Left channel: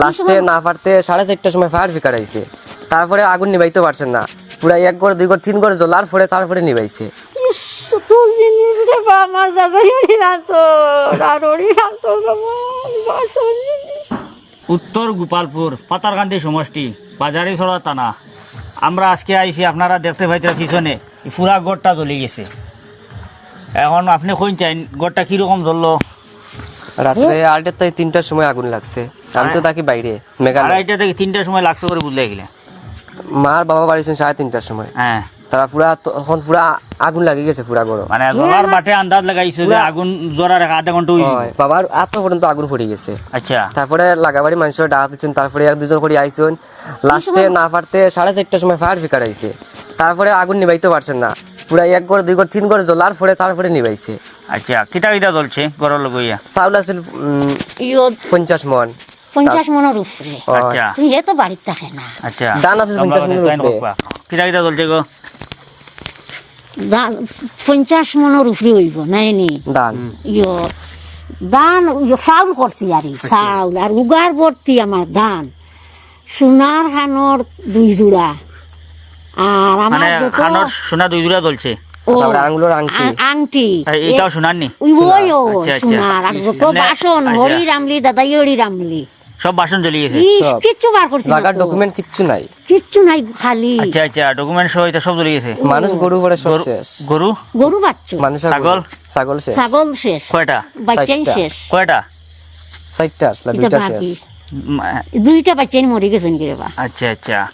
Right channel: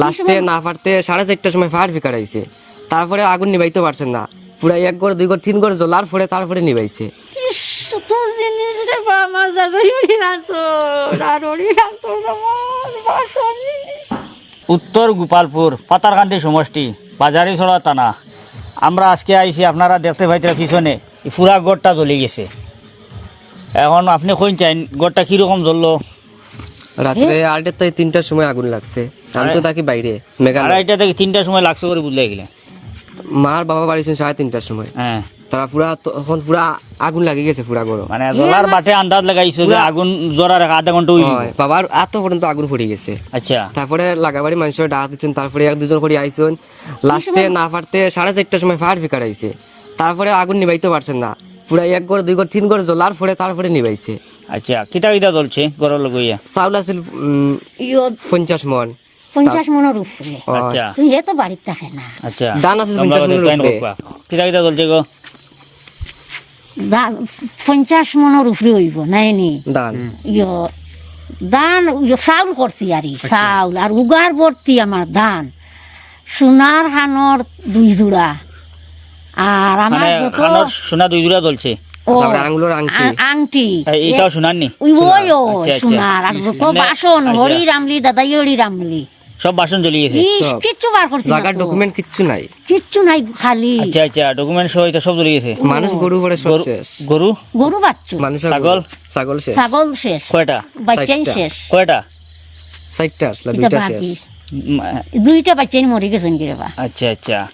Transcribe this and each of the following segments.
লাস্টে না পারতে সাড়ে চারটার সময় ফায়ার ফিকার আইছে। তারপরে আগুন নিবাইতে পারছেন না। পুরা এক ঘর দুই ঘর তিন ঘর জ্বলার পরে তারপরে নিবাইছে তো জিনিস রে বাবা দাদা উড়ি রাখতো রাখতো উত্তর গোপালপুর পাতারকান্দি সমষ্টি বাজারি ছড়া টানা। আমরা আজকে আইছি আপনারা দেখতে পাইতে পিছনে এই পুরা গড়টা জ্বলে গেছে। এখন আপনি কইন চাইন গড়টা কীরকম জ্বললো? রাত্রে আড়াইটার থেকে তিনটার সময় আগুন লাগছে। আমি তো থাকি বাইরে মেঘালয়। আড়াইটা থেকে তিনটার সময় লাগছে করে বুঝলে গেলে। মার বাবা বাড়িছেন সাড়ে তিনটার সময়। হ্যাঁ। তারা পুরা তখন পুরা আগুন লাগি গেছে পুরা গরম। মানে জ্বলার বাটে আন্দাজ লাগাইছে যে আগুন জ্বরার আধা ঘণ্টা হয়, বাবার আত্ম পর্যন্ত আগুন পড়ে গেছে। আচ্ছা। তারপরে লাগাবাড়ি মানুষের ডাকা দিচ্ছেন তারপরে এক দুজন করে আইসন লাস্টে না পারতে সাড়ে চারটার সময় ফায়ার ফিকার আইছে। তারপরে আগুন নিবাইতে পারছেন না। পুরা এক ঘর দুই ঘর তিন ঘর জ্বলার পরে তারপরে নিবাইছে আচ্ছা কিতা কিতা জ্বলছে গড়ের লগইয়া চাউল আছিল পঞ্চাশ মন। পঞ্চাশ মনের উপরে। আচ্ছা। তুই এ তো বাড়িতে থাকে না। আচ্ছা। দান আছে পঞ্চাশ মনের উপরে। কিতা কিতা জ্বলছে গো? পঞ্চাশ মনের উপরে হইব নাই নি? দান ইয়ো চাউল করছি আর চাউল। আর উগার ভর্তি আমার ধান। সোনার হানর দুই জোড়া। আর আমার মানে যত খানোর সোনা দুই জোড়া জ্বলছে। ও, তারপরে আঙুলের আংটি। আং- আংটি। এটাও সোনার নি? ওই ওই ও আচ্ছা, আচ্ছা। সোনার। আর যত মানে- বাসন আচ্ছা। হরি রামলি দাদা হরি রামলি। সব বাসন গেছে। ইস, সব। কিচ্ছু বার করছি না জায়গার তো। ডকুমেন্ট কিচ্ছু নাই। কিচ্ছু নাই খালি। আচ্ছা আচ্ছা ডকুমেন্ট সহ এটা সব গেছে। মানুষ গরু পরে সব গরু শেষ। গরু? গরু বাচ্চু। মানুষের ছাগল? গরু। ছাগল? শেষ। ছাগল শেষ। কয়টা? বাচ্চাই চারটা। শেষ। কয়টা? চারটা আসলে এটা দুইটা বাকি। শেষ। উম, দুইটা বাচ্চাই মরে গেছেন কি রে বা। আচ্ছা আচ্ছা।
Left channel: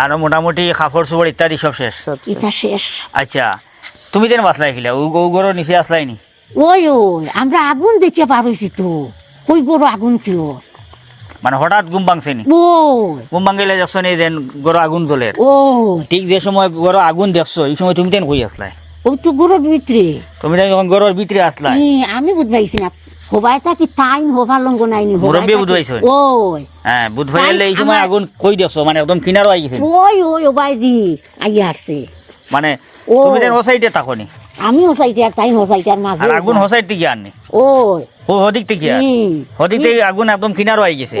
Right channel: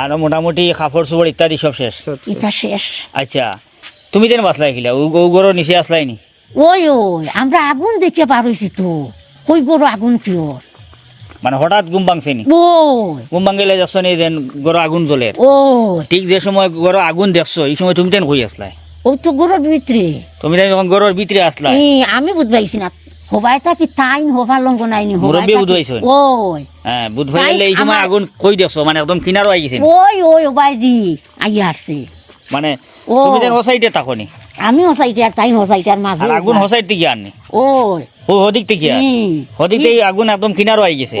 আর মোটামুটি কাপড় চোপড় ইত্যাদি সব শেষ। আচ্ছা তুমি যেন বাসলাই খিলা? ও গরু নিচে আসলাই নি ওই ওই আমরা আগুন দেখে পার হয়েছি তো। ওই গরু আগুন কিয় মানে হঠাৎ ঘুম ভাঙছে নি ওই। ঘুম যাচ্ছ নি যেন গরু আগুন জ্বলে। ওই। ঠিক যে সময় গরু আগুন দেখছ এই সময় তুমি তেন কই আসলাই ও তো গরুর ভিতরে। তুমি যেন যখন গরুর ভিতরে আসলাই আমি বুঝবাইছি না। হবাই থাকি তাইন হবার লঙ্গ নাইনি হবাই মুরব্বী থাকি- বুঝবাইছেন? ওই হ্যাঁ বুধ ভাইলে এই সময় আগুন কই দেখছ মানে একদম কিনারও আই গেছে। ওই ওই ওবাই দি আই আসছে মানে তুমি যেন হোসাইটে থাকনি আমি হসাইতে আর তাইন হসাইতে মাঝে আর আগুন হোসাইট থেকে আননি ওই ও হদিক থেকে আর হদিক থেকে আগুন একদম কিনারও আই গেছে।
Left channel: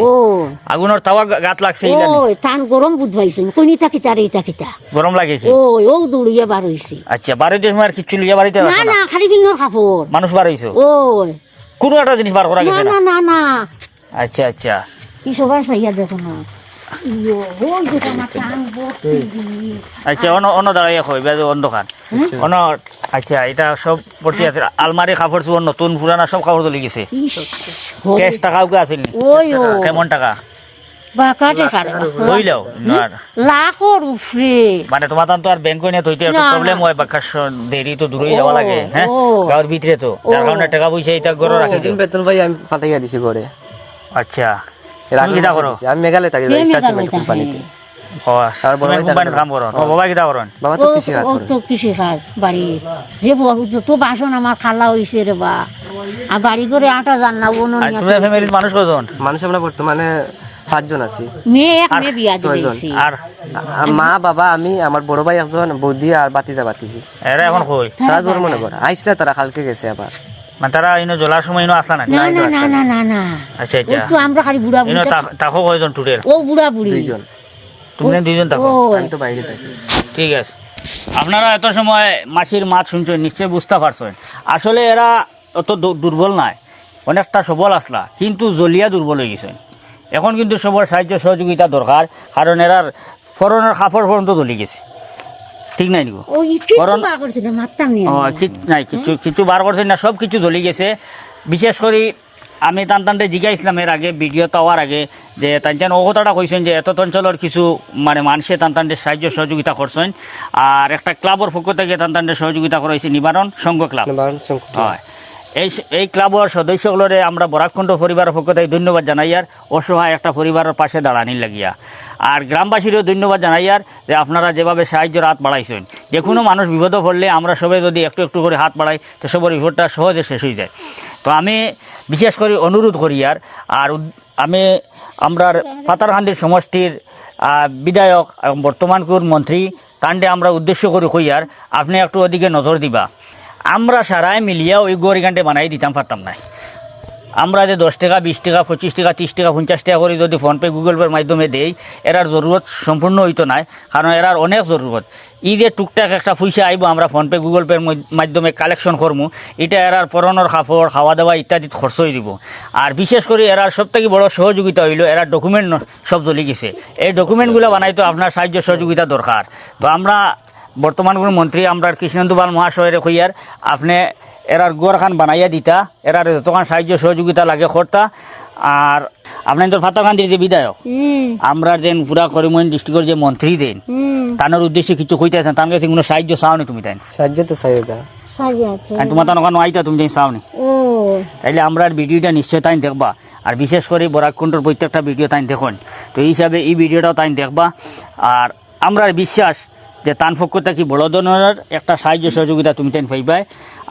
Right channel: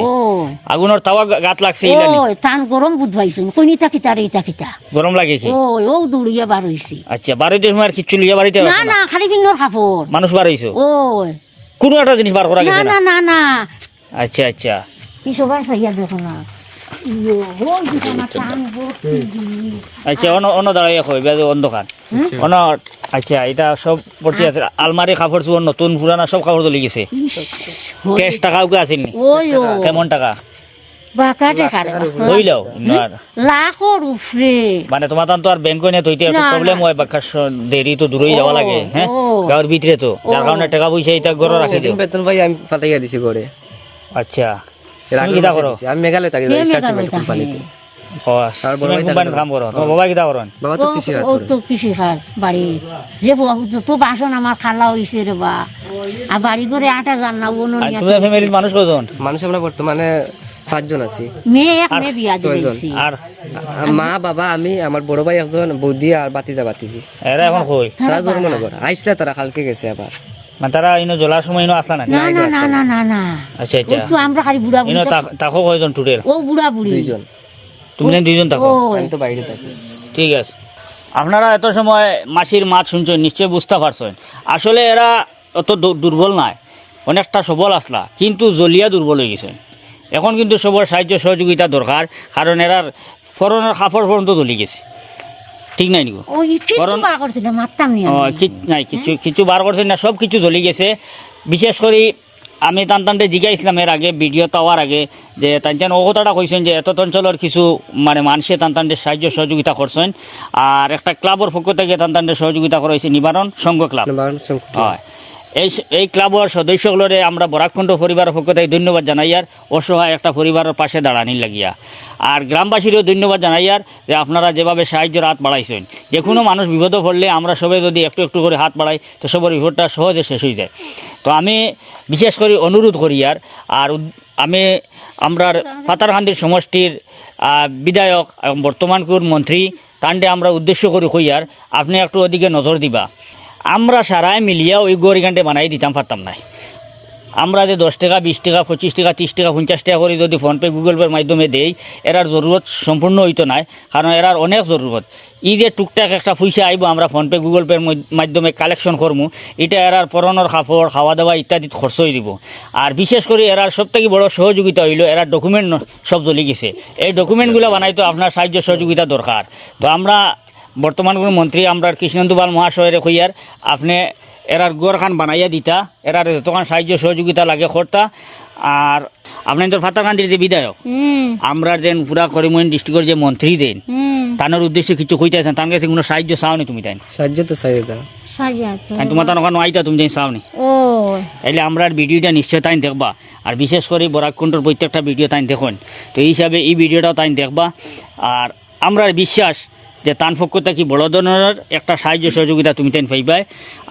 আগুনের তাওয়া গাত লাগছে ইলানি। ওই টান গরম থাকি তার লাগে কি? ওই ও দৌড়িয়ে বার হইছে আচ্ছা বাড়িতে সময় আর কিচ্ছু লিয়া বাড়িতে না না? না খালি ফিঙ্গর মানুষ বার হইছো ওই কোনো একটা জিনিস বার করা গেছে না? না না আচ্ছা আচ্ছা। কি সবার সাইয়া দেখো না। ইয়ো, ওই দেখো না টান ভর্তি দিয়ে। আচ্ছা কই আচ্ছা এটা সব আছে। আলমারি কাপড় চোপড় নতুন পুরানা সব কাপড় চলে গেছে। ক্যাশ টাকাও কে আসেনি কেমন টাকা? হইলেও লাখর উপরে। মানে তোমার তো আর ব্যাংক নিয়ে তৈতে একটা প্রবলেম হয় বাক্কা দেরি তো দূরেই যাওয়া লাগে হ্যাঁ ও। ভিতরে তো যার কারণে টাকা পয়সা এটা গড় রাখি দিও। বেতন ভাই আমি পাঠাইয়া দিছি করে আচ্ছা। তুমি করো আমি মেঘালয় থাকি স্টার সিমেন্ট কোম্পানিতে আমার খালা রে বা। আর বাড়ি করে আটা জান না মানুষ কজন? মানুষ আমরা বর্তমানে পাঁচজন আছি। আর ছয়জন। আর মা বাবা আমি আমার বড় ভাই একজন বৌদি আর বাতিজা বাতিজি এরা এখন কই? তারা জন্মনগর করে আইসলে তারা কালকে গেছে আবার। মানে তারা ইনো জ্বলার সময় ইনো আসলা না না না না না না না। আচ্ছা আচ্ছা। তো আমরা খালি বুড়া ইনো তাকো কয়জন টুটেল ও বুড়া বুড়ি। দুইজন। তুমি দুইজন থাকো আমি তো বাইরে থাকি। ঠিক আছে। আপনারা এত সময় মাছির মাছ শুনছেন নিশ্চয়ই বুঝতে পারছেন। আসলে এরা অত দুর্বল নাই। অনেকটা সবল আসলা কিন্তু জলিয়া দুর্বল হয়ে গেছেন। এখন কিন্তু সবার সাহায্য সহযোগিতা দরকার কারণ এরার ফরনের কাপড় পর্যন্ত জ্বলি গেছে। ঠিক নাই নিগো ওই কিছু করোনা- বার করছিল মারতাম নি ও, আমি। কি- নাই কিছু কিছু বার করছেন না সব কিছু জ্বলি গেছে। বিশেষ করে আমি টান টানতে জিজ্ঞাসলাম এর আগে ভিডিও পাওয়ার আগে যে তানচান ও কথাটা কইছেন যে এত অঞ্চলের কিছু মানে মানুষে টান টানতে সাহায্য সহযোগিতা করছেন। আর একটা ক্লাবের পক্ষ থেকে টান টানতে সহযোগিতা করা হয়েছে নিবারণ সংঘ ক্লাব। হয়। এই এই ক্লাবের সদস্যগুলোরে আমরা বরাককুণ্ড পরিবারের পক্ষ থেকে ধন্যবাদ জানাই আর অসহায় একটা পরিবারের পাশে দাঁড়ানির লাগিয়া। আর গ্রামবাসীরও ধন্যবাদ জানাই আর যে আপনারা যেভাবে সাহায্যের হাত বাড়াইছেন। যে কোনো মানুষ বিপদে পড়লে আমরা সবাই যদি একটু একটু করে হাত বাড়াই, তো সবার বিপদটা সহজে শেষ হয়ে যায়। তো আমি বিশেষ করে অনুরোধ করি আর আর আমি আমরার পাতারকান্দির সমষ্টির বিধায়ক এবং বর্তমানকুর মন্ত্রী কাণ্ডে আমরা উদ্দেশ্য করে কই আর, আপনি একটু ওদিকে নজর দিবা। আমরা সারাই মিলিয়া ওই গড়িগানটে বানাই দিতাম, পারতাম না। আমরা যে দশ টাকা, বিশ টাকা, পঁচিশ টাকা, ত্রিশ টাকা, পঞ্চাশ টাকা করে যদি ফোনপে গুগল পের মাধ্যমে দেই, এরার জরুরত সম্পূর্ণ হইতো নাই কারণ এরার অনেক জরুরত। ই যে টুকটাক একটা পয়সা আইব, আমরা ফোনপে গুগল পের মাধ্যমে কালেকশন করমু, এটা এরার পরনের কাপড় খাওয়া দাওয়া ইত্যাদি খরচ হয়ে দিব। আর বিশেষ করে এরার সব থেকে বড় সহযোগিতা হইল এরার ডকুমেন্ট সব জ্বলি গেছে। এই ডকুমেন্টগুলো বানাইতো আপনার সাহায্য সহযোগিতা দরকার। তো আমরা বর্তমান কোনো মন্ত্রী আমরা কৃষ্ণেন্দু পাল মহাশয়ের কইয়ার আপনি এরার গোয়ার খান বানাইয়া দিতা এরার যতক্ষণ সাহায্য সহযোগিতা লাগে করতা আর আপনার তো ফাতারকান্দির যে বিধায়ক আমরা যেন পুরা করিমগঞ্জ ডিস্ট্রিক্টের যে মন্ত্রী দেন তানোর উদ্দেশ্যে কিছু কইতেছেন তার কাছে কোনো সাহায্য চাও নি তুমি তাই সাহায্য তো তো আর তোমার তার ওখানে আইতা তুমি তাই চাও নি? ও। তাইলে আমরা আর ভিডিওটা নিশ্চয় তাই দেখবা আর বিশেষ করে বরাককুণ্ডর প্রত্যেকটা ভিডিও তাই দেখুন। তো এই হিসাবে এই ভিডিওটাও তাই দেখবা আর আমরা বিশ্বাস যে তান পক্ষ কি বড় ধরনের একটা সাহায্য সহযোগিতা তুমি তাই পাইবাই।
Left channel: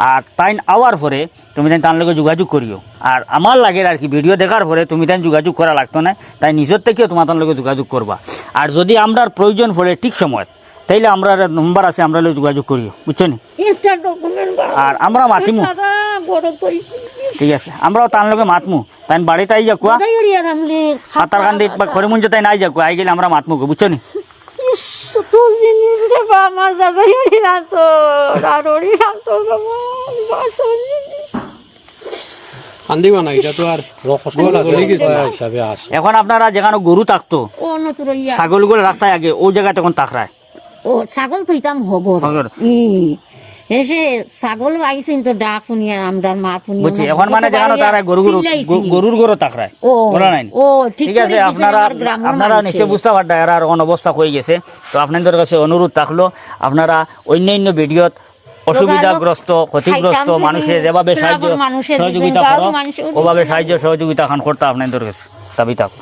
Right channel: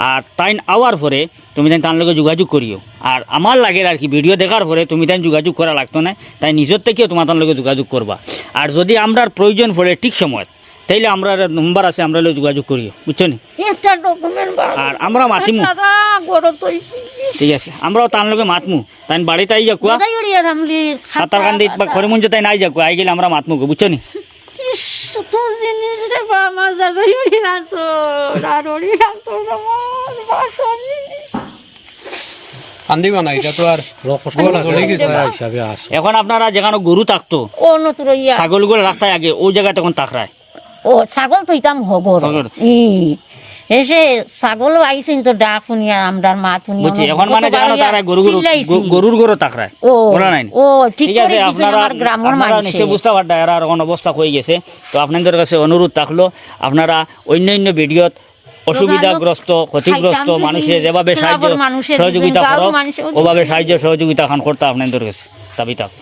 আর তাইন আওয়ার পরে তুমি তাই তার লগে যোগাযোগ করিও। আর আমার লাগে আর কি ভিডিও দেখার পরে তুমি তাই যোগাযোগ করা লাগতো না তাই নিজের থেকেও তোমার তার লগে যোগাযোগ করবা। আর যদি আমরার প্রয়োজন পড়ে ঠিক সময় তাইলে আমরা নম্বর আছে আমরা যোগাযোগ করিও। বুঝছ নি? আর আমরা মাতিমু। ঠিক আছে আমরাও তার লগে মাতমু। তাই বাড়িতে আই যা কুয়া দাইড়িয়া রামলি সাঁতার কান্দি বা করিমঞ্জ তাই নাই যাকো আই গেলে আমরা মাতমু বুঝছ নি তো জিনিস রে বাবা দাদাড়ি রাখতো দাদড়ি রাখতো বাসন জিনিস কান্দিবা না এটা এখন আপনারা যেখানে গরু থাকতো ছাগলগুলো ছাগলগুলো রাস্তায় আগে ওই জায়গায় তখন তাকরায়। ও ছাগল তো ইতাম হগর। এসে ছাগল তো ডাক শুনিয়া আমরার মা বুঝছি এখন মানে যেখানে তারা গরু গরু গরুর গরু তাকরায় ও বলা নাই। ও ঠিক আছে আপনারা আপনারা নিশ্চয় বুঝতে পারটা এরা অবস্থা হয়ে গেছে। তো আপনাদের কাছে অনুরোধ থাকল আপনারা অন্যান্য ভিডিওত অসুবিধাগ্রস্ত ক্ষতিগ্রস্ত মানুষের যেভাবে সাহায্য সহযোগিতা করো ওভাবে সাহায্য সহযোগিতা খান করতে আপনাদের কাছে। দাবি থাকল